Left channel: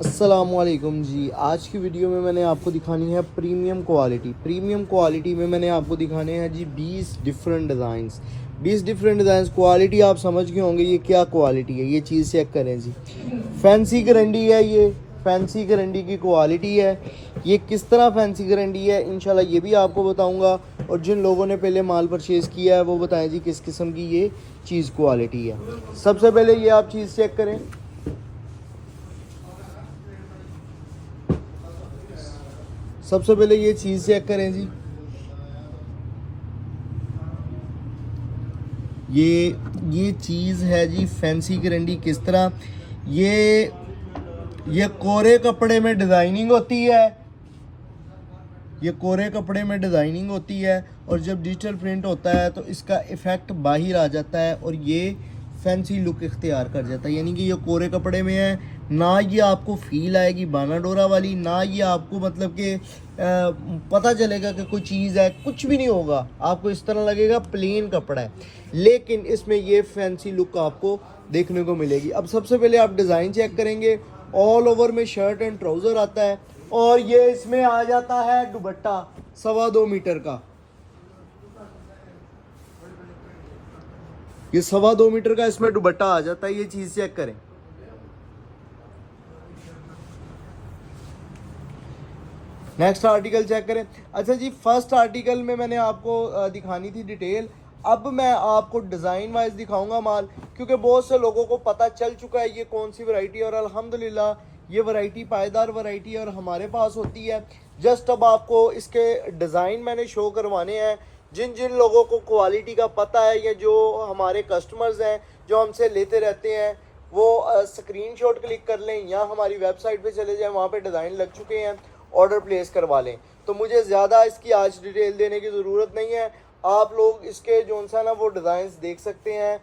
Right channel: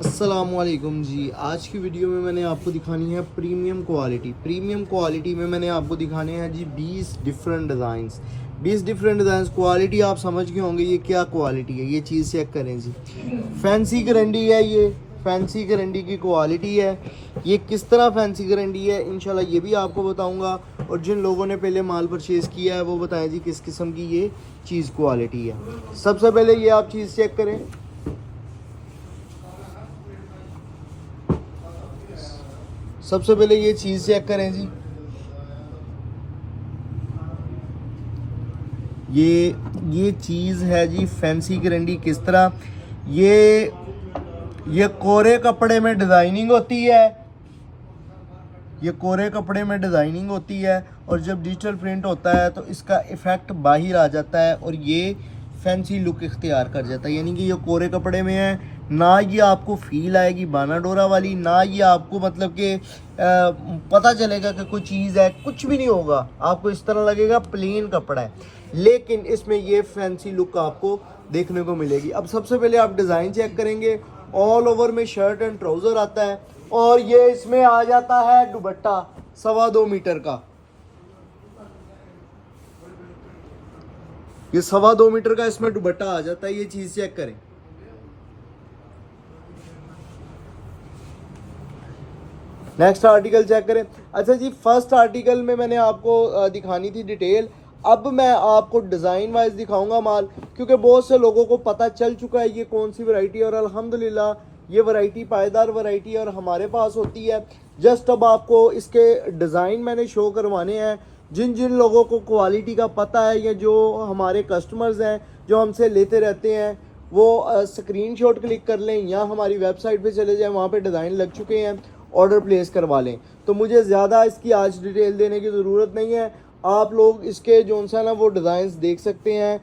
अस्सलामुअलैकुम जी। आज की वीडियो में मैंने आपको दिखानी है प्रीमियम क्वालिटी। प्रीमियम क्वालिटी में मैंने आपको दिखाने हैं जी 20 different designs. 20 different designs. Quality आप समझ गए होंगे ये क्या क्वालिटी है, ये चीज़ चेक करें जी। फैंसी गारंटी है, ये फैंसी गारंटी की क्वालिटी है। ये किस तरह फैंसी गारंटी है इंशाल्लाह ये भी आपको बताऊंगा। और जिन लोगों ने पहले माल परचेज़ किया है वो बताएं जी किस किस्म की ये चीज़ क्वालिटी है। सबसे पहले ये आप चीज़ चेक करें। सबसे पहले ये चीज़ चेक करें जी। ये चीज़ है जी फैंसी गारंटी। किस तरह ये कोरे कपड़े में डिज़ाइनिंग होती है। ये कोरे कपड़े में डिज़ाइनिंग होती है और जब डिजिटल प्रिंट होता है तो इसका इफ़ेक्ट बाहर आ जाता है और ये फैंसी लुक इख्तियार कर जाता है। यानी कि ये कोरे कपड़े में है, ना ये आपको फील आएगी बाना डोरा वाली, ना ये आपको मतलब कि पता चलेगा कि कोई चीज़ है, कुछ भी नहीं होगा। आपको इस तरह लगेगा प्लेन कपड़ा है, लेकिन इसमें ये फैंसी लुक आपको देखने को मिलेगी। अब सबसे पहले आप डिज़ाइन चेक करेंगे। ऑल ओवर में शर्ट एंड ट्राउज़र आता है और ये इसमें आ जाता है दुपट्टा 2.25 मीटर का। ये 2.25 मीटर का इसमें दुपट्टा आ जाता है। ये चीज़ चेक करें। नेक्स्ट आर्टिकल चेक करें। अच्छा जी, फर्स्ट आर्टिकल में मैंने आपको दिखानी थी डिटेल। अब मैं आपको डिज़ाइन वाइज दिखाऊंगा माल, क्योंकि बहुत से लोगों को पता चल चुका है ये कौन सी वैरायटी है और अल्हम्दुलिल्लाह ये वैरायटी पायदार वैरायटी है और हमारे पास होती है। जस्ट अब आपको इसके डिज़ाइन मैंने शो करवाने हैं। जिन जिन लोगों को क्वालिटी का पता है या जो हमारे कस्टमर्स हैं जो हमसे लेते रहते हैं वो स्क्रीनशॉट क्लिक कर लें या हमारी वेबसाइट पे चले जाएं, वहाँ पे डिज़ाइन लग चुके हैं, ऑर्डर प्लेस करवा लें। तो मुझे ज़्यादा इसकी आज डिटेल देने की ज़रूरत नहीं है। आप लोग इसके जो सा ना वो डिज़ाइंस देख सकते हैं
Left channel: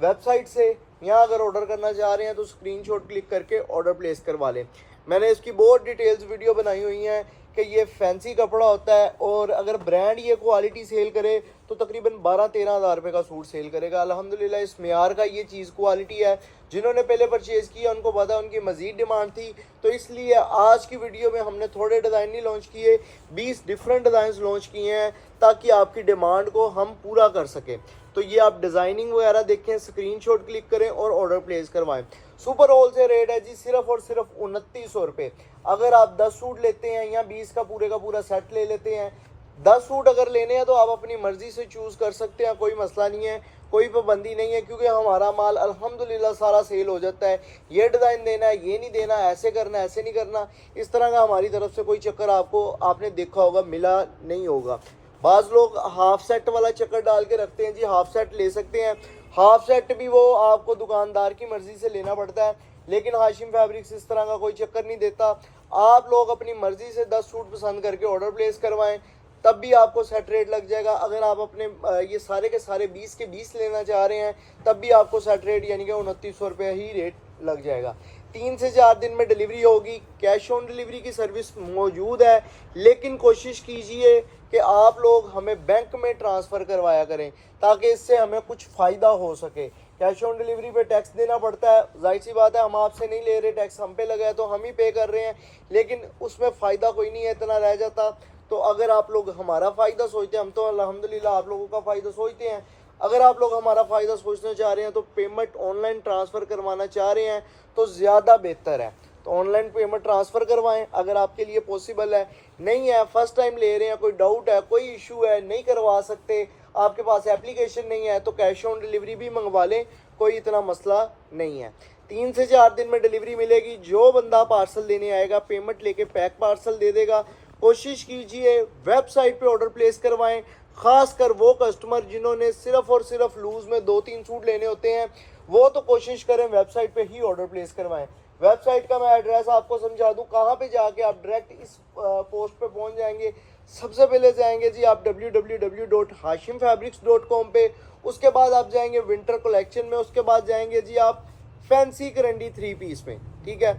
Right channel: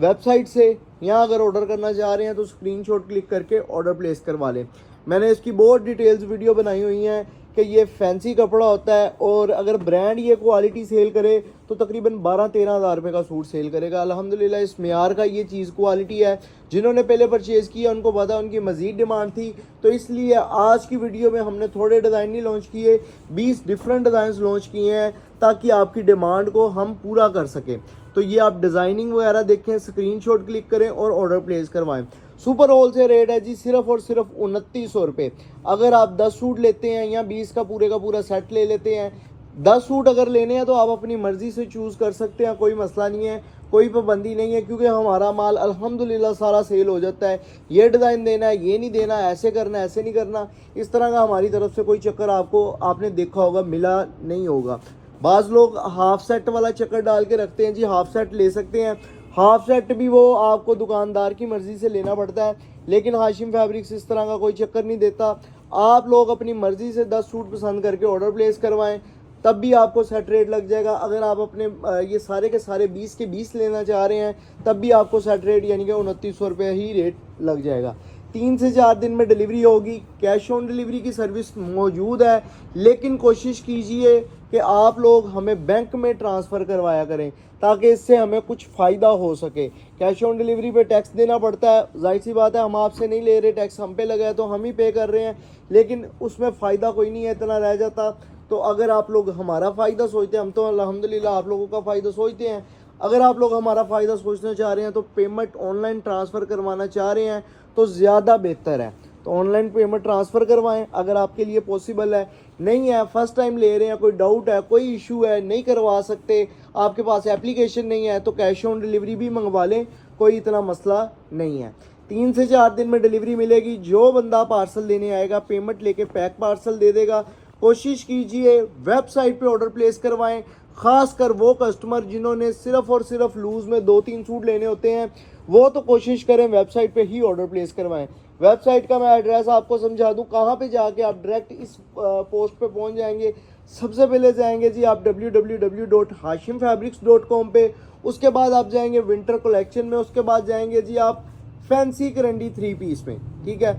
वेबसाइट से, या अगर ऑर्डर करना चाह रहे हैं तो स्क्रीनशॉट क्लिक करके ऑर्डर प्लेस करवा लें। मैंने इसकी बहुत डिटेल्स वीडियो बनाई हुई हैं कि ये फैंसी कपड़ा होता है और अगर ब्रांड ये क्वालिटी सेल करे तो तकरीबन 12-13 हज़ार रुपये का सूट सेल करेगा। अल्हम्दुलिल्लाह इस मेयार का ये चीज़ क्वालिटी है। जिन्होंने पहले परचेज़ किया उनको पता है, उनकी मज़ीद डिमांड थी, तो इसलिए आज की वीडियो में हमने थोड़े डिज़ाइन नहीं लॉन्च किए, 20 डिफरेंट डिज़ाइन लॉन्च किए हैं ताकि आपकी डिमांड को हम पूरा कर सकें। तो ये आप डिज़ाइनिंग वगैरह देखें, स्क्रीनशॉट क्लिक करें और ऑर्डर प्लेस करवाएं। सुपर होल से रेट है जी सिर्फ और सिर्फ 2900 रुपये। अगर आप 10 सूट लेते हैं या 20 का पूरा सेट ले लेते हैं, 10 सूट अगर लेने हैं तो आप अपनी मर्ज़ी से चूज़ कर सकते हैं, कोई मसला नहीं है, कोई पाबंदी नहीं है, क्योंकि हमारा माल अल्हम्दुलिल्लाह सारा सेल हो जाता है। ये डिज़ाइन देना है, ये नहीं देना, ऐसे करना है, ऐसे नहीं करना, इस तरह का हमारी तरफ से कोई चक्कर आपने देखा होगा मिला नहीं होगा। बाज़ लोग हाफ सेट वाला चक्कर डाल के रखते हैं जी, हाफ सेट ले सकते हैं। हाफ सेट भी वो आपको दुकानदार की मर्ज़ी से लेना पड़ता है, लेकिन हाशिम फैब्रिक्स इस तरह का कोई चक्कर नहीं देता। आप लोग अपनी मर्ज़ी से 10 सूट पसंद करके ऑर्डर प्लेस करवाएं, तब भी आपको सेट रेट लग जाएगा। अगर आप अपने ये सारे के सारे 20 के 20 लेना चाह रहे हैं तब भी आपको सेट रेट यानी कि 2900 रुपये ही रेट लग जाएगा। 3 से 4 दिन में डिलीवरी होगी। कैश ऑन डिलीवरी की सर्विस मौजूद है, लेकिन कोशिश कीजिए कि आप लोग हमें बैंक में ट्रांसफ़र करवाया करें ताकि इससे हमें कुछ फ़ायदा हो सके। कैश ऑन डिलीवरी पे टैक्स देना पड़ता है, जाहिर सी बात है, हम आपसे नहीं ले रहे, टैक्स हम पे लगा है तो हम ही पे कर रहे हैं, लेकिन उसमें फ़ायदा कोई नहीं है, इतना रह जाता। तो अगर आप लोग हमारा फ़ायदा सोचते हैं, हम तो अल्हम्दुलिल्लाह आप लोगों का फ़ायदा सोचते हैं, अगर आप लोग हमारा फ़ायदा सोचना चाह रहे हैं तो पेमेंट ऑनलाइन ट्रांसफ़र करवाना चाह रहे हैं तो ज़्यादा बेहतर है। तो ऑनलाइन पेमेंट ट्रांसफ़र करवाएं अगर आपके लिए पॉसिबल है। नहीं है, फर्स्ट टाइम ले रहे हैं, कोई डाउट है, कोई इशू है, नहीं करवा सकते, आपके पास एप्लीकेशन नहीं है, तो कैश ऑन डिलीवरी भी मंगवा लें, कोई इतना मसला नहीं है। 3 से 4 दिन में डिलीवरी मिलेगी। जो बंदा पार्सल लेने आएगा पेमेंट लेके पैक पार्सल दे देगा। कोशिश कीजिए वेबसाइट पे ऑर्डर प्लेस करवाएं, ख़ासकर वो कस्टमर जिन्होंने सिर्फ़ और सिर्फ लूज़ में 2-3 सूट लेने होते हैं, वो तो कोशिश करें वेबसाइट पे ही ऑर्डर प्लेस करवाएं। वेबसाइट का मैं एड्रेस आपको समझा दूं, कहाँ पे जाके आप डायरेक्ट इस पोस्ट पे पहुंच जाएंगे। सबसे पहले जाएंगे जी आप www.hashimfabrics.com पे, उसके बाद आप जाएंगे विंटर कलेक्शन में, उसके बाद जाएंगे जी आप फैंसी करंडी 3 पीस में, ठीक है।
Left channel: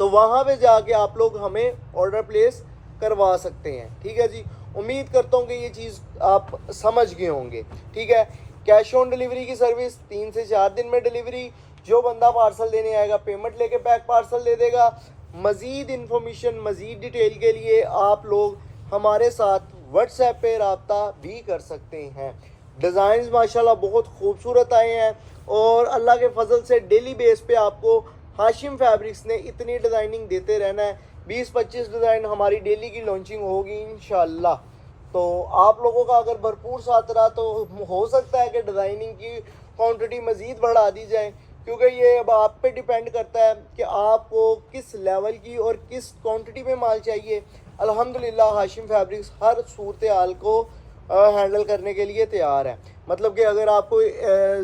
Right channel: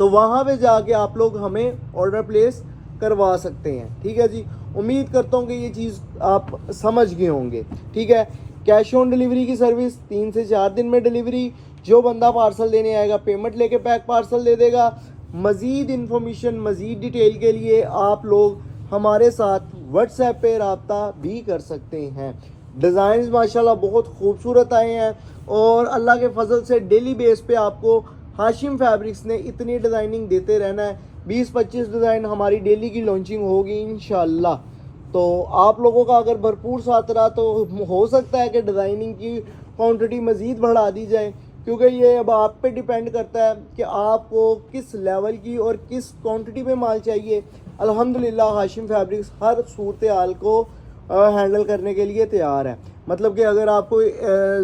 तो वहाँ पे जाके आप लोग हमें ऑर्डर प्लेस करवा सकते हैं, ठीक है जी। उम्मीद करता हूँ कि ये चीज़ आप समझ गए होंगे, ठीक है। कैश ऑन डिलीवरी की सर्विस, 3 से 4 दिन में डिलीवरी। जो बंदा पार्सल देने आएगा पेमेंट लेके पैक पार्सल दे देगा। मज़ीद इन्फॉर्मेशन, मज़ीद डिटेल के लिए आप लोग हमारे साथ व्हाट्सएप पे रब्ता भी कर सकते हैं। डिज़ाइंस माशाल्लाह बहुत खूबसूरत आए हैं और अल्लाह के फजल से डेली बेस पे आपको हाशिम फैब्रिक्स ने इतनी डिज़ाइनिंग देते रहना है। 20-25 डिज़ाइन हमारी डेली की लॉन्चिंग होगी इंशाल्लाह। तो आप लोगों का अगर भरपूर साथ रहा तो हो सकता है कि डिज़ाइनिंग की क्वांटिटी मज़ीद बढ़ा दी जाए, क्योंकि ये अब आप पे डिपेंड करता है कि आपको किस लेवल की और किस क्वांटिटी में माल चाहिए। अल्हम्दुलिल्लाह हाशिम फैब्रिक्स हर सूरत हाल को हैंडल करने के लिए तैयार है। मतलब कि अगर आपको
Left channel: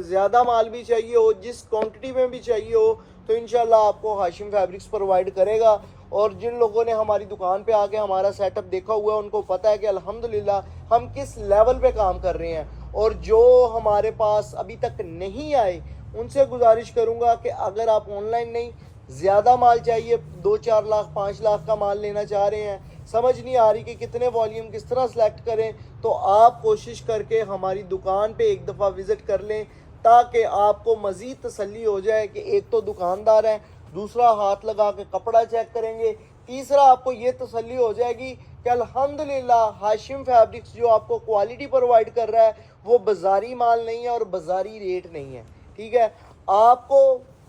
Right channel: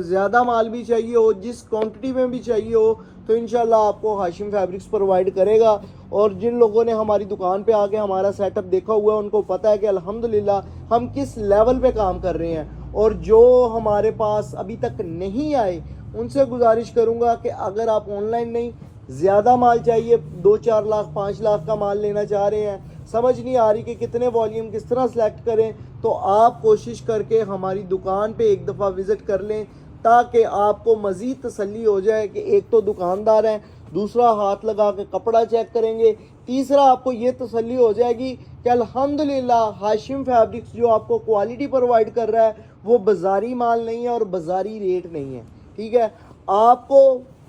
ज़्यादा माल भी चाहिए हो, जिस क्वांटिटी में भी चाहिए हो, तो इंशाल्लाह आपको हाशिम फैब्रिक्स प्रोवाइड करेगा। और जिन लोगों ने हमारी दुकान पे आके हमारा सेटअप देखा हुआ है उनको पता है कि अल्हम्दुलिल्लाह हम किस लेवल पे काम कर रहे हैं। और जो हमारे पास अभी तक नहीं आए उनसे गुजारिश करूँगा कि अगर आप ऑनलाइन नहीं, ज़्यादा माल चाहिए, 2-4 लाख 5 लाख का माल लेना चाह रहे हैं, समझ नहीं आ रही कि कितने वॉल्यूम किस तरह सेलेक्ट करें, तो आप कोशिश करके हमारी दुकान पे एक दफ़ा विज़िट कर लें, ताकि आपको मज़ीद तसल्ली हो जाए कि एक तो दुकानदार है, दूसरा हाथ लगा के कपड़ा चेक करेंगे, तीसरा आपको ये तसल्ली हो जाएगी कि अल्हम्दुलिल्लाह हाशिम फैब्रिक्स जो आपको क्वालिटी प्रोवाइड कर रहा है वो बाज़ारी माल नहीं है और बाज़ारी रेट नहीं है। ठीक है, आपको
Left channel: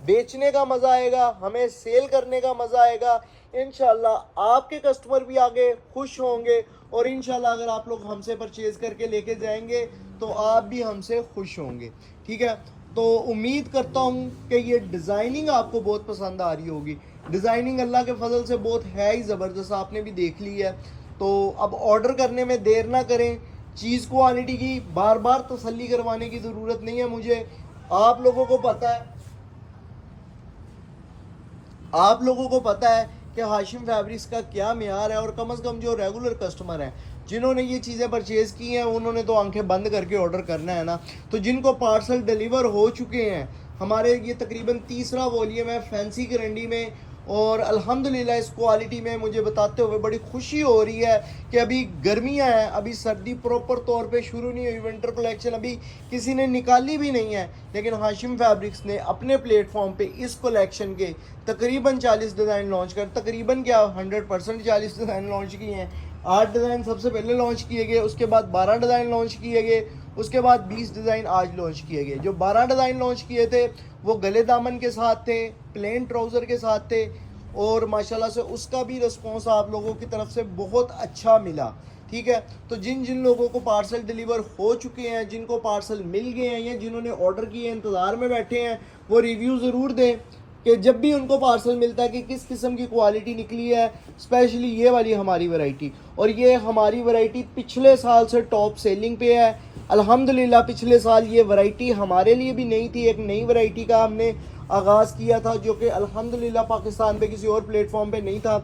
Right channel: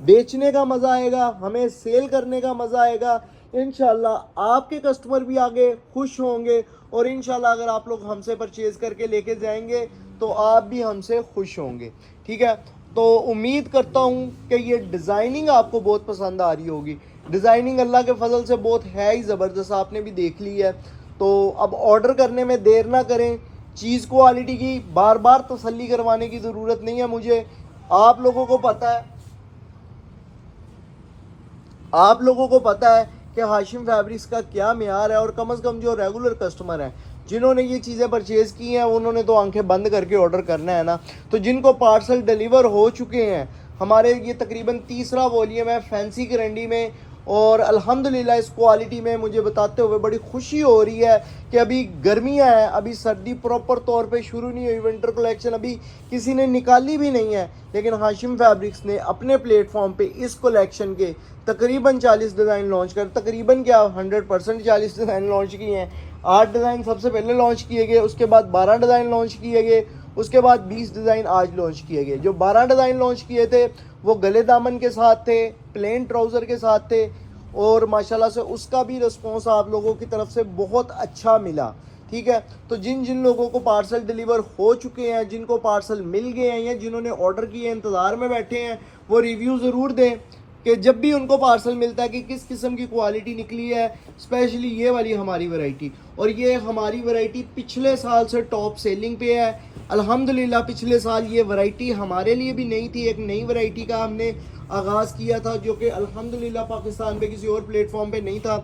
बेचने का मज़ा आएगा, हमें सेल करने का मज़ा आएगा। इंशाल्लाह आपके कस्टमर भी आगे खुश होंगे और इंशाल्लाह अगर आप लोग हमसे परचेज़ करके लेके जाएंगे तो आप भी हमसे खुश होंगे। ठीक है, तो उम्मीद करता हूँ कि ये डिज़ाइनिंग आपको बहुत पसंद आ रही होगी। डिज़ाइनिंग अल्लाह के फजल से बहुत है ही ज़बरदस्त, आपने भी देख ली है। तो अब ऑर्डर करने में देर ना करें। चीज़ क्वालिटी की बार बार तसल्ली करवाने की ज़रूरत नहीं है मुझे। आप लोगों को पता है कि हाशिम फैब्रिक्स का क्या मेयार है। और कम से कम जो रेगुलर कस्टमर हैं जिन्होंने ये चीज़ें परचेज़ की हैं उन्होंने तो आंखें बंद करके ऑर्डर करना है ना। तो जिनको पार्सल डिलीवर हो चुके हैं, हमारे ये तकरीबन तीसरा वॉल्यूम है फैंसी करंडी में, और अल्हम्दुलिल्लाह इस क्वालिटी में मुझे बताते हुए बड़ी खुशी हो रही है कि अभी गर्मियां हैं, अभी सर्दी प्रॉपर तौर पे शुरू नहीं हुई, विंटर कलेक्शन अभी किसी ने निकाली भी नहीं है, लेकिन हाशिम फैब्रिक्स ने अपने प्लेटफॉर्म पे इस कलेक्शन के तकरीबन 40 डिज़ाइन लॉन्च कर, तकरीबन क्या 100% 40 डिज़ाइन लॉन्च किए हैं। 8 डिज़ाइन सबसे पहले लॉन्च किए गए, उसके बाद 12 डिज़ाइन लॉन्च किए गए, उसके बाद 20 डिज़ाइन आज लॉन्च किए गए। जो 12 डिज़ाइन लॉन्च किए थे वो गले दामन के साथ थे, प्लेन ट्राउज़र के साथ थे, और माशाल्लाह से उसका भी रिस्पॉन्स आप लोगों की तरफ से बहुत अच्छा मिला। ठीक है, तो जिन जिन लोगों को पार्सल डिलीवर हो चुके हैं, जिनको पार्सल मिल गए हैं या जिन्होंने ऑर्डर किए इंतज़ार में बैठे हैं, वो रिव्यू ज़रूर दें कि जब भी उनको पार्सल मिलता है कि किस किस्म की क्वालिटी निकली है। स्पेशली ये वाली हमारी वैरायटी, और ये हमारी वैरायटी पिछले साल से टॉप सेलिंग पे है अल्हम्दुलिल्लाह। पिछले साल ये वैरायटी हमारे लिए भी नई थी, एक नई वैरायटी का हमने आगाज़ किया था जो कि अल्हम्दुलिल्लाह पाकिस्तान पे किसी और प्लेटफॉर्म पे नहीं था,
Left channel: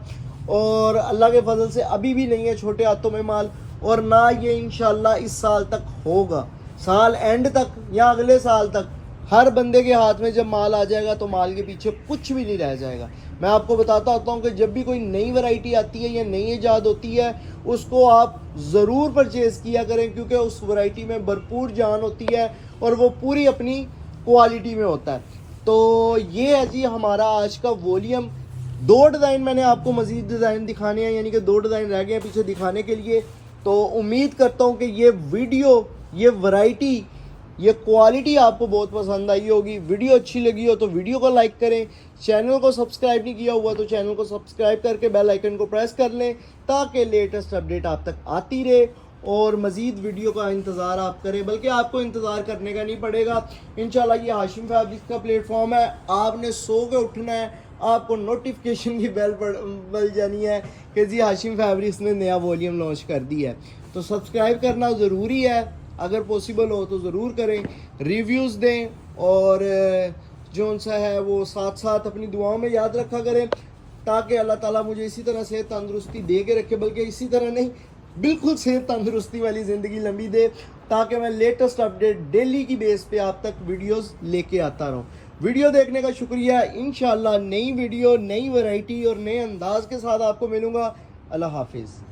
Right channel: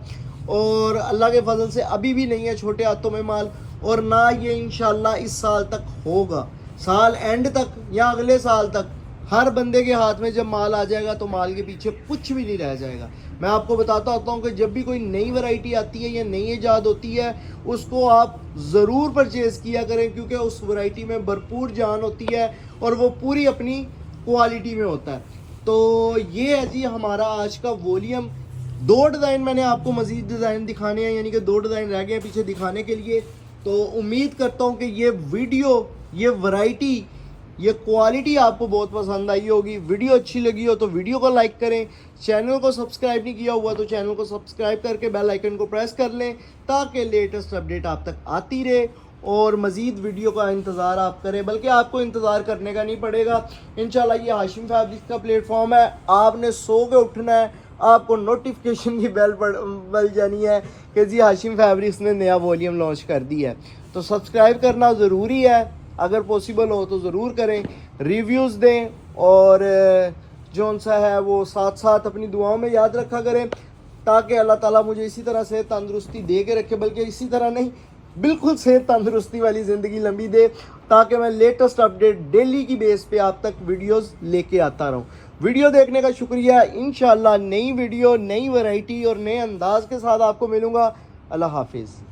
और अल्लाह के फजल से अभी भी नहीं है छोटे हाथों में माल, और ना ये इंशाल्लाह इस साल तक होगा। साल एंड तक या अगले साल तक हर बंदे के हाथ में जब माल आ जाएगा तो माल के पीछे कुछ भी नहीं रह जाएगा। मैं आपको बताता होता हूँ कि जब भी कोई नई वैरायटी आती है या नई ईजाद होती है उसको आप ज़रूर परचेज़ किया करें, क्योंकि उस वैरायटी में भरपूर जान होती है और वो पूरी अपनी क्वालिटी में होता है। तो ये है जी हमारा आज का वॉल्यूम। 2 डिज़ाइन मैंने आपको मज़ीद डिज़ाइन दिखाने हैं, यानी कि 2 डिज़ाइन रह गए हैं पीछे दिखाने के लिए। तो उम्मीद करता हूँ कि ये वीडियो, ये वैरायटी, ये क्वालिटी आपको बहुत पसंद आई होगी। वीडियो अच्छी लगी हो तो वीडियो को लाइक करें, चैनल को सब्सक्राइब नहीं किया हुआ तो चैनल को सब्सक्राइब करके बेल आइकन को प्रेस कर लें ताकि लेटेस्ट अपडेट आप तक आती रहे और मज़ीद वीडियो का इंतज़ार आप करें, बल्कि आपको इंतज़ार करने का नहीं पड़ेगा। इंशाल्लाह ये हाशिम फैब्रिक्स का प्लेटफॉर्म है, आपने सो के उठना है, आपको नोटिफिकेशन की बेल बल जानी है कि जी हाशिम फैब्रिक्स ने नया वॉल्यूम लॉन्च कर दिया है। तो सब्सक्राइब करना ज़रूरी है, अगर पॉसिबल हो तो ज़रूर करें, रिव्यूज़ दें, और जो सा है वो साथ साथ अपनी दुआओं में याद रखा करें, ताकि अल्लाह ताला मुझे इसी तरह सेहत तंदुरुस्ती दे के रखे, बल्कि इसी तरह नहीं, बिल्कुल सेहत तंदुरुस्ती वाली ज़िंदगी लंबी दे, ताकि मैं लेटेस्ट अपडेट डेली की बेस पे आप तक वीडियोस लेके आता रहूँ। वीडियो देखने का शुक्रिया। इंशाल्लाह नई वीडियो, नई वैरायटी और नए अंदाज के साथ आपको मिलूँगा। अल्लाह हाफिज़।